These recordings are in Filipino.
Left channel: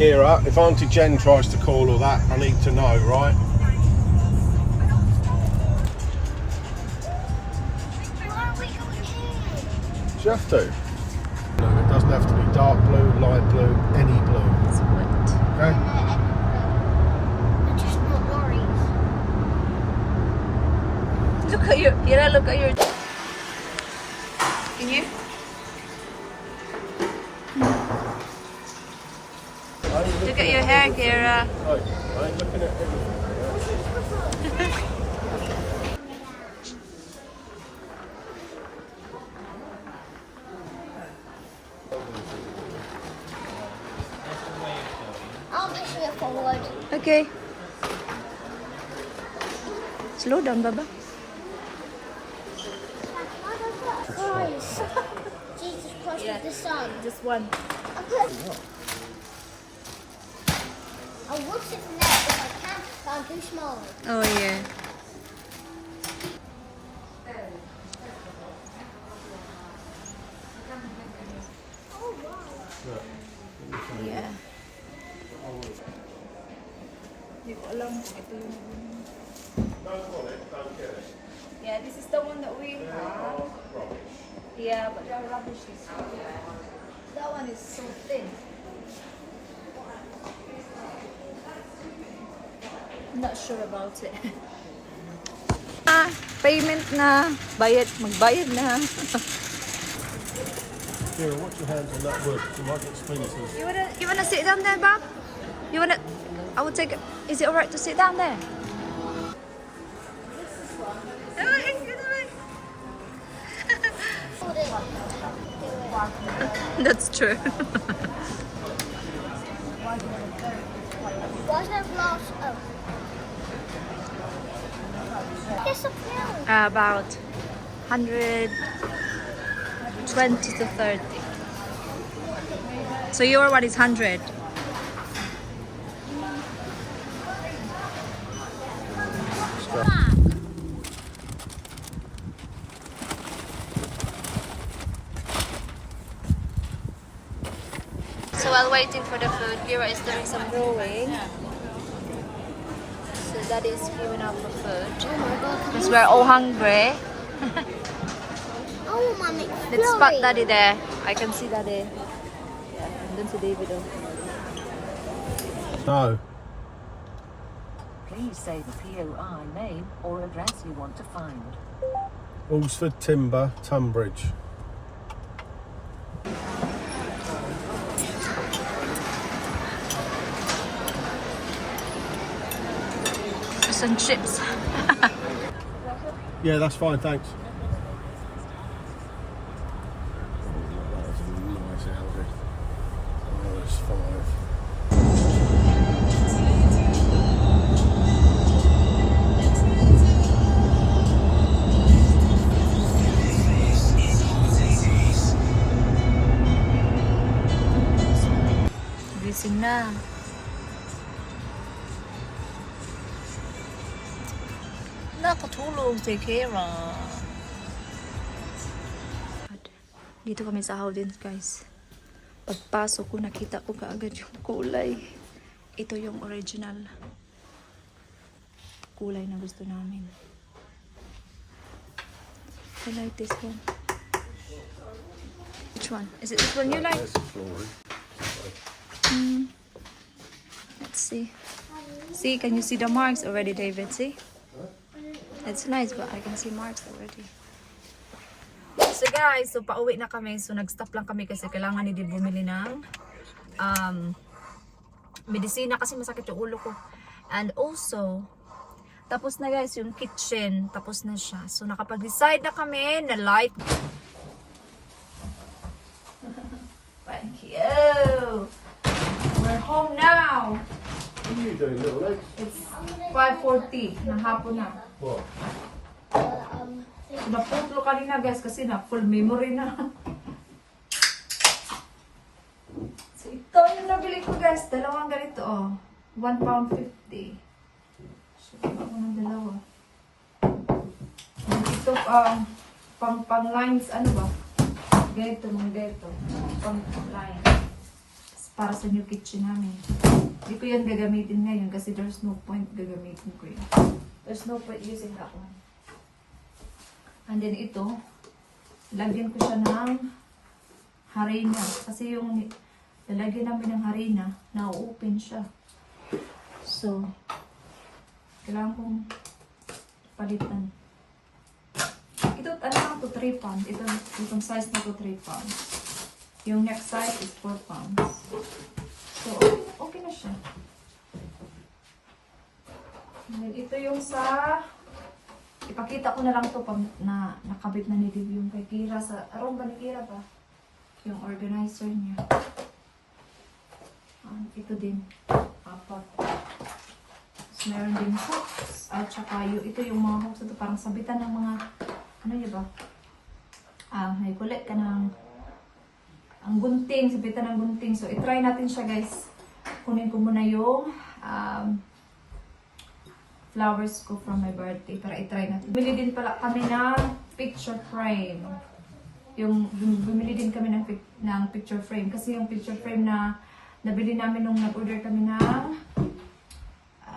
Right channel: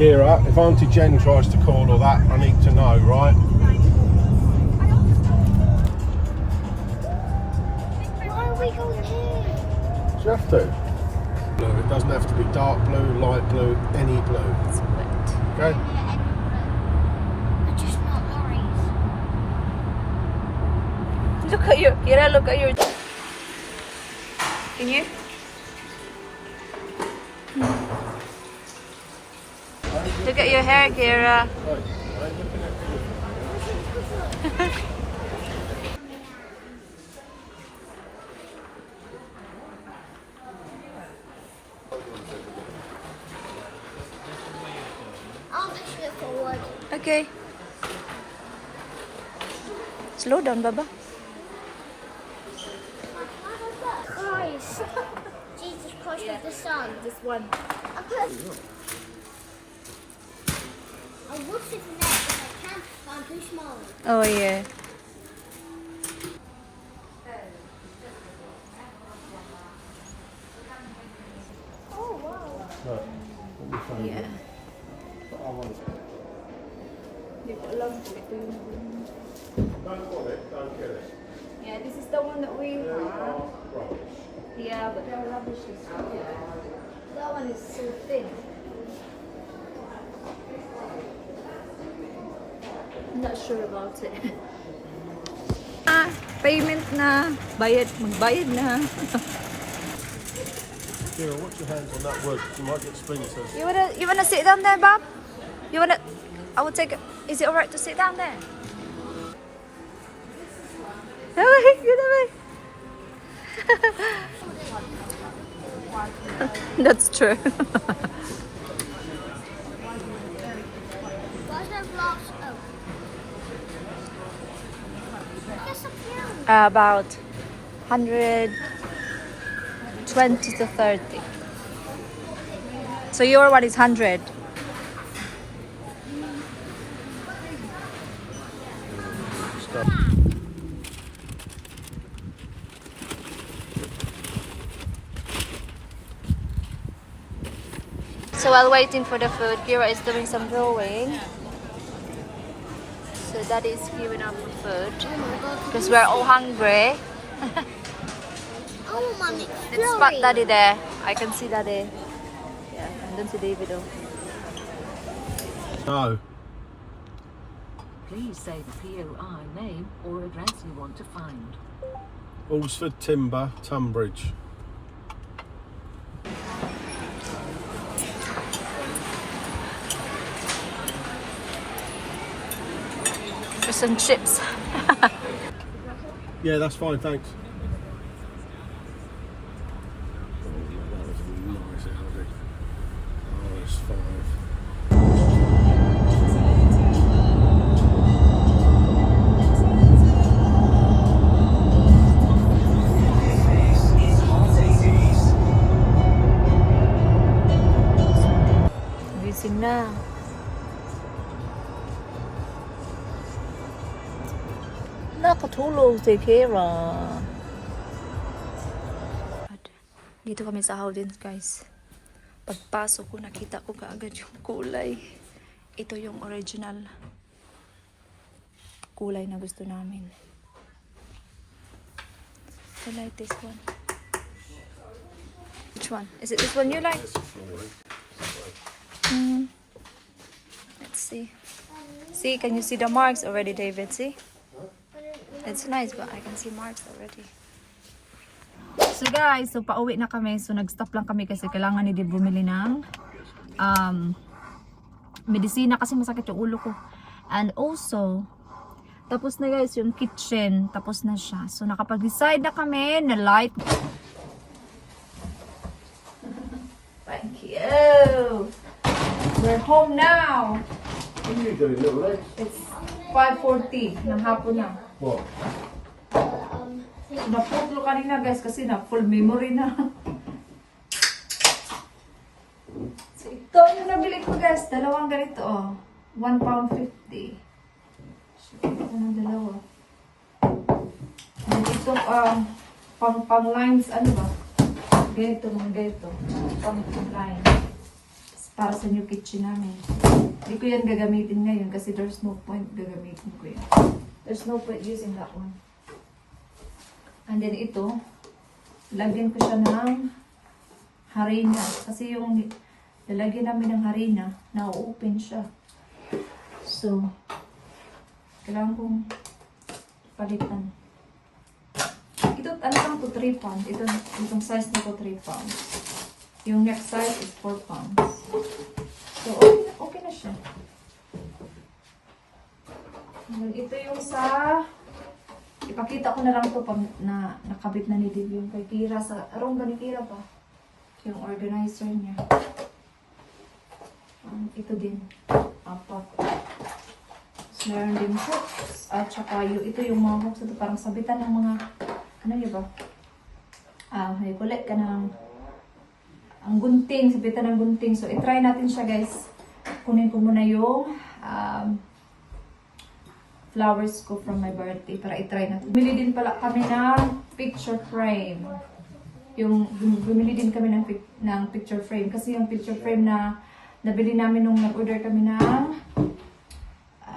Kira, if Auntie Jen tries to call or that, I need to know, right? Why are we going here? You have to. It doesn't have to be dark blue, light blue, any blue. It's white. Okay? I just want lorries. Look at your, Kira, look at your... Can you? Look at your hair, Kira. Oh, I ain't looking at anything. I'll just move forward. Okay. Slow down, Baba. Lorries. Jesus Christ with the sun. Just one. I would sit from there if I can, but I'm too small. Oh, yeah. Oh, wow. Yeah. Hindi ko alam kung ito yung... Yeah, this is the one that we have. Yeah, but the rubbish is... That one is so thin. I'm not sure about it. Payment na. Magbayad na. Kira, watch your hands on that wood. You might get splinters. You wanna sit down there, Bob? I would take it. Is it alright to sit down there? Get away. That's true. Why is there glass? Oh. There's something else. About 120 to 30. So your one is 100. So while waiting for the food, Kira is doing some drawing. So Daddy is queuing up for food Oh my god. because we're all hungry. Oh, mommy. Let's spot Daddy there. I can see Daddy. Yeah, I don't see David though. No. Please say the POI name or address you want to find. Alsford Timber, Tunbridge. Fish and chips. Yeah, that's fine, thanks. That was a nice Audi. Oh, there's 5. Gising na. Nakatulog si Kira. Dito kami sa Howden, guys. Pagpasok ko, nakita ko kaagad yung kulay. Ito yung original kulay na gusto namin. I like this one. Which one? Is it this one you like? Let's see. See, can you see the marks already, David? See? It's nice, but I can see marks already. So guys, so pauwi na kami. So nag-stop lang kami kasi kailangan ni Dib bumili ng medisina kasi masakit yung ulo ko. And also, tapos na guys yung kitchen. Tapos na siya. So nakapag-decide na kami na light. Thank you! We're home now! What are you doing, little legs? It's 5:40 ng hapon na. What? So, naputlo kanina guys kasi na full memory na. So ito yung nabili ko guys. Dalawang ganito oh. £1.50. So ito ko ng dalawa. And ito pang lines ano ba? Ganito mga ganito. Pang lines. para sa new kitchen namin. Hindi ko yan gagamitin ngayon kasi there's no point gagamitin ko yan. There's no point using that one. And then ito, lagyan ko siya ng harina. Kasi yung lalagyan namin ng harina, na-open siya. So, kailangan kong palitan. Ito, ano lang to, 3 pounds. Itong size na to, 3 pounds. Yung next size is 4 pounds. So, okay na siya. And then, ito yung sa... Ipakita ko na lang to pag nakabit na ni Div yung kay Kira sa... Arong ba ni Kira ba? Yung organizer niya. Ito din. Apat. Tapos meron din hooks. At saka ito yung mga hooks. Ito parang sabitan ng mga... Ano yun ba? May kulit ka ng... Ang gunting. Sabitan ng gunting. So, itry natin siya guys. Kunin ko muna yung... flowers ko from my birthday para itry natin. Bumili din pala kami ng picture frame. Bumili din kami ng picture frame. Kasi yung picture frame na nabili namin nung nag-order kami ng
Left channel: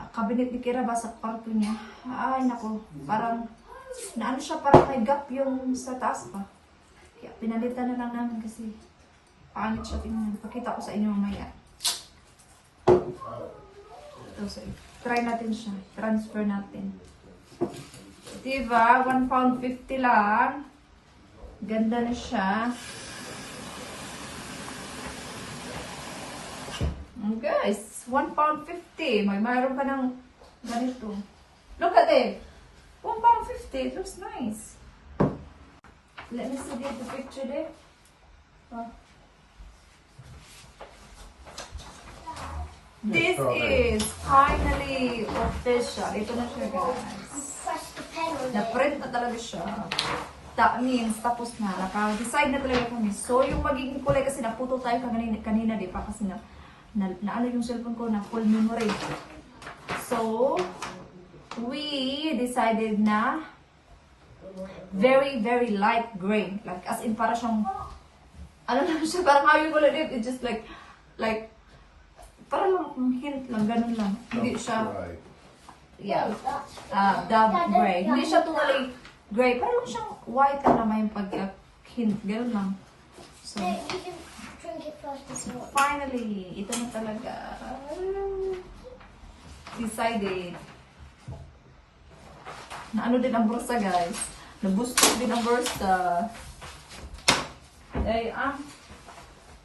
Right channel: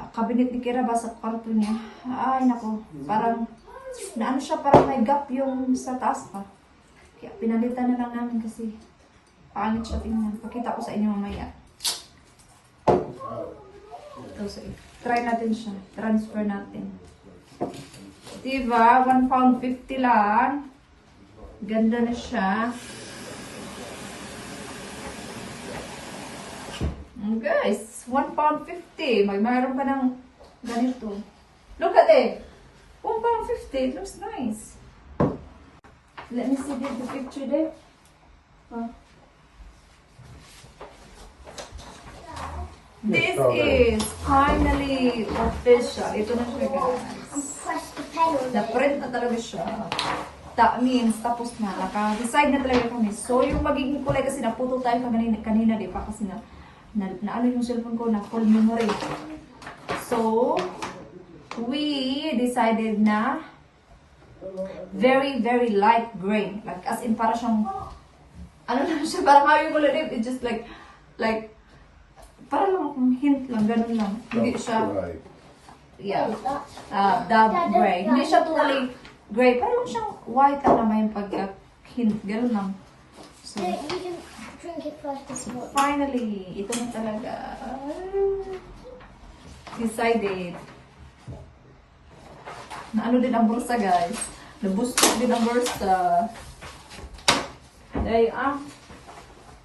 cabinet ni Kira ba sa kwarto niya. Ay nako, parang naano siya, parang may gap yung sa taas pa. Kaya pinalitan na lang namin kasi pangit siya tingnan. Pakita ko sa inyo mamaya. Ito, so, try natin siya. Transfer natin. Diba? £1.50 lang. Ganda na siya. Guys, £1.50. Mayroon ka ng ganito. Look at it. £1.50. It looks nice. Let me see the picture there. Oh. This is finally official. Ito na siya guys. Na-print na talaga siya. That means tapos na. Naka-decide na talaga kami. So yung magiging kulay kasi naputo tayo kanina di pa kasi na ano yung cellphone ko na full memory. So we decided na very very light gray. Like as in para siyang ano na siya, parang yung kulay din. It's just like para lang hint lang, ganun lang. Hindi siya, yeah, dark gray. Hindi siya totally gray. Para lang siyang white lang naman yung pagka-hint. Ganun lang. So, finally, ito na talaga. Decided. Na ano din ang bursa, guys. Nabustok din ang bursa. Ay,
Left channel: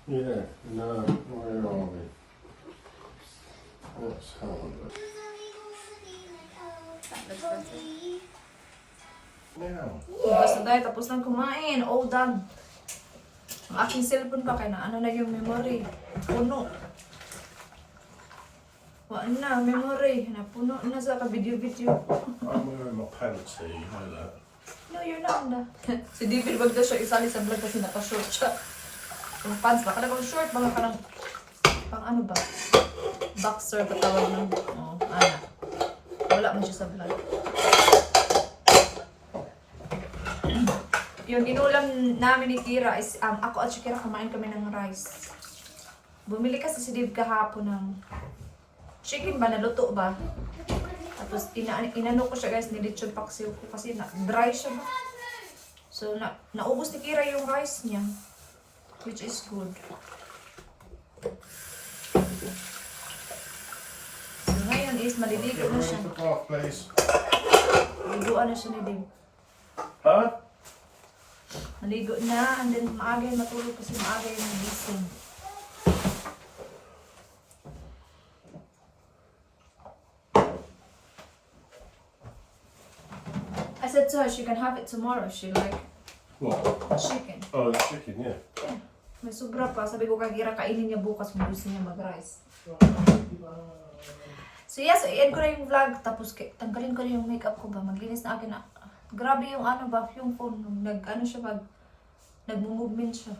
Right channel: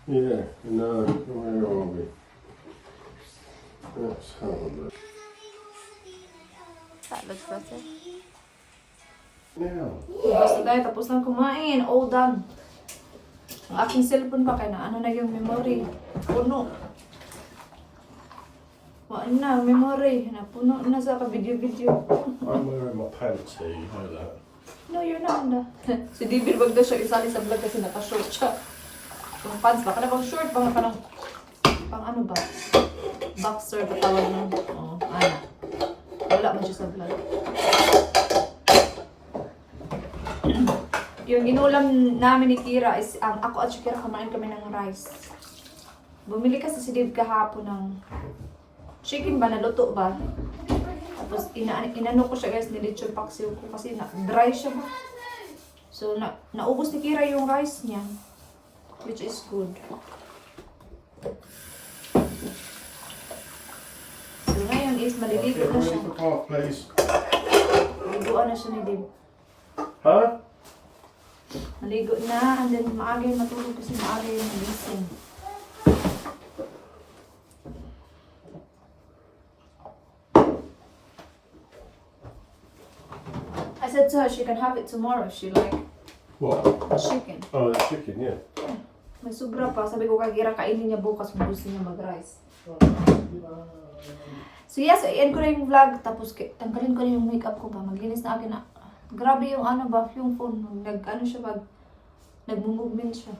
Yeah, no, where are we? That's horrible. That looks better. Now, Basta dahil tapos na kumain. All done. Ang aking cellphone pa kaya na ano na yung memory. Puno. Wala na, memory. Napuno na sa ka-video-video. I'm wearing my pants here, you know that. No, you're not na. Si David, wag daw siya isali sa vlog kasi naka-short siya. Yung pants, baka na bang short, baka ka ng pang ano ba? Boxer ba tawag ng... Oh, ana. Wala man siya sa vlog. Yung inulam namin ni Kira is, ako at si Kira kumain kami ng rice. Bumili kasi si Dave kahapon ng chicken ba, naluto ba? Tapos inano ko siya guys, nilitsyon paksiw ko kasi dry siya ba. So naubos ni Kira yung rice niya, which is good. So ngayon is maliligo na siya. Please. Maliguan na siya ni Dave. Huh? Maligo na, and then maaga yung matulog kasi maaga yung gising. I said to her she can have it tomorrow if she like What? chicken. Oh, the chicken, yeah. May sobra pa. Sabi ko kay Kira, kainin niya bukas kung gusto niya mag-rice. So yes, i-end ko na yung vlog. Tapos tanggalin ko na yung makeup ko ba. Maglinis na akin na. Grabe yung ano ba, yung phone. Nag-ano siya pag nag-movement siya.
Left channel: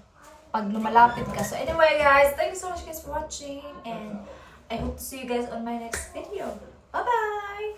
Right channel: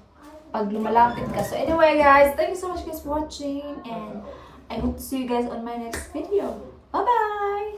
Pag lumalapit ka. So anyway guys, thank you so much guys for watching. And I hope to see you guys on my next video. Bye-bye!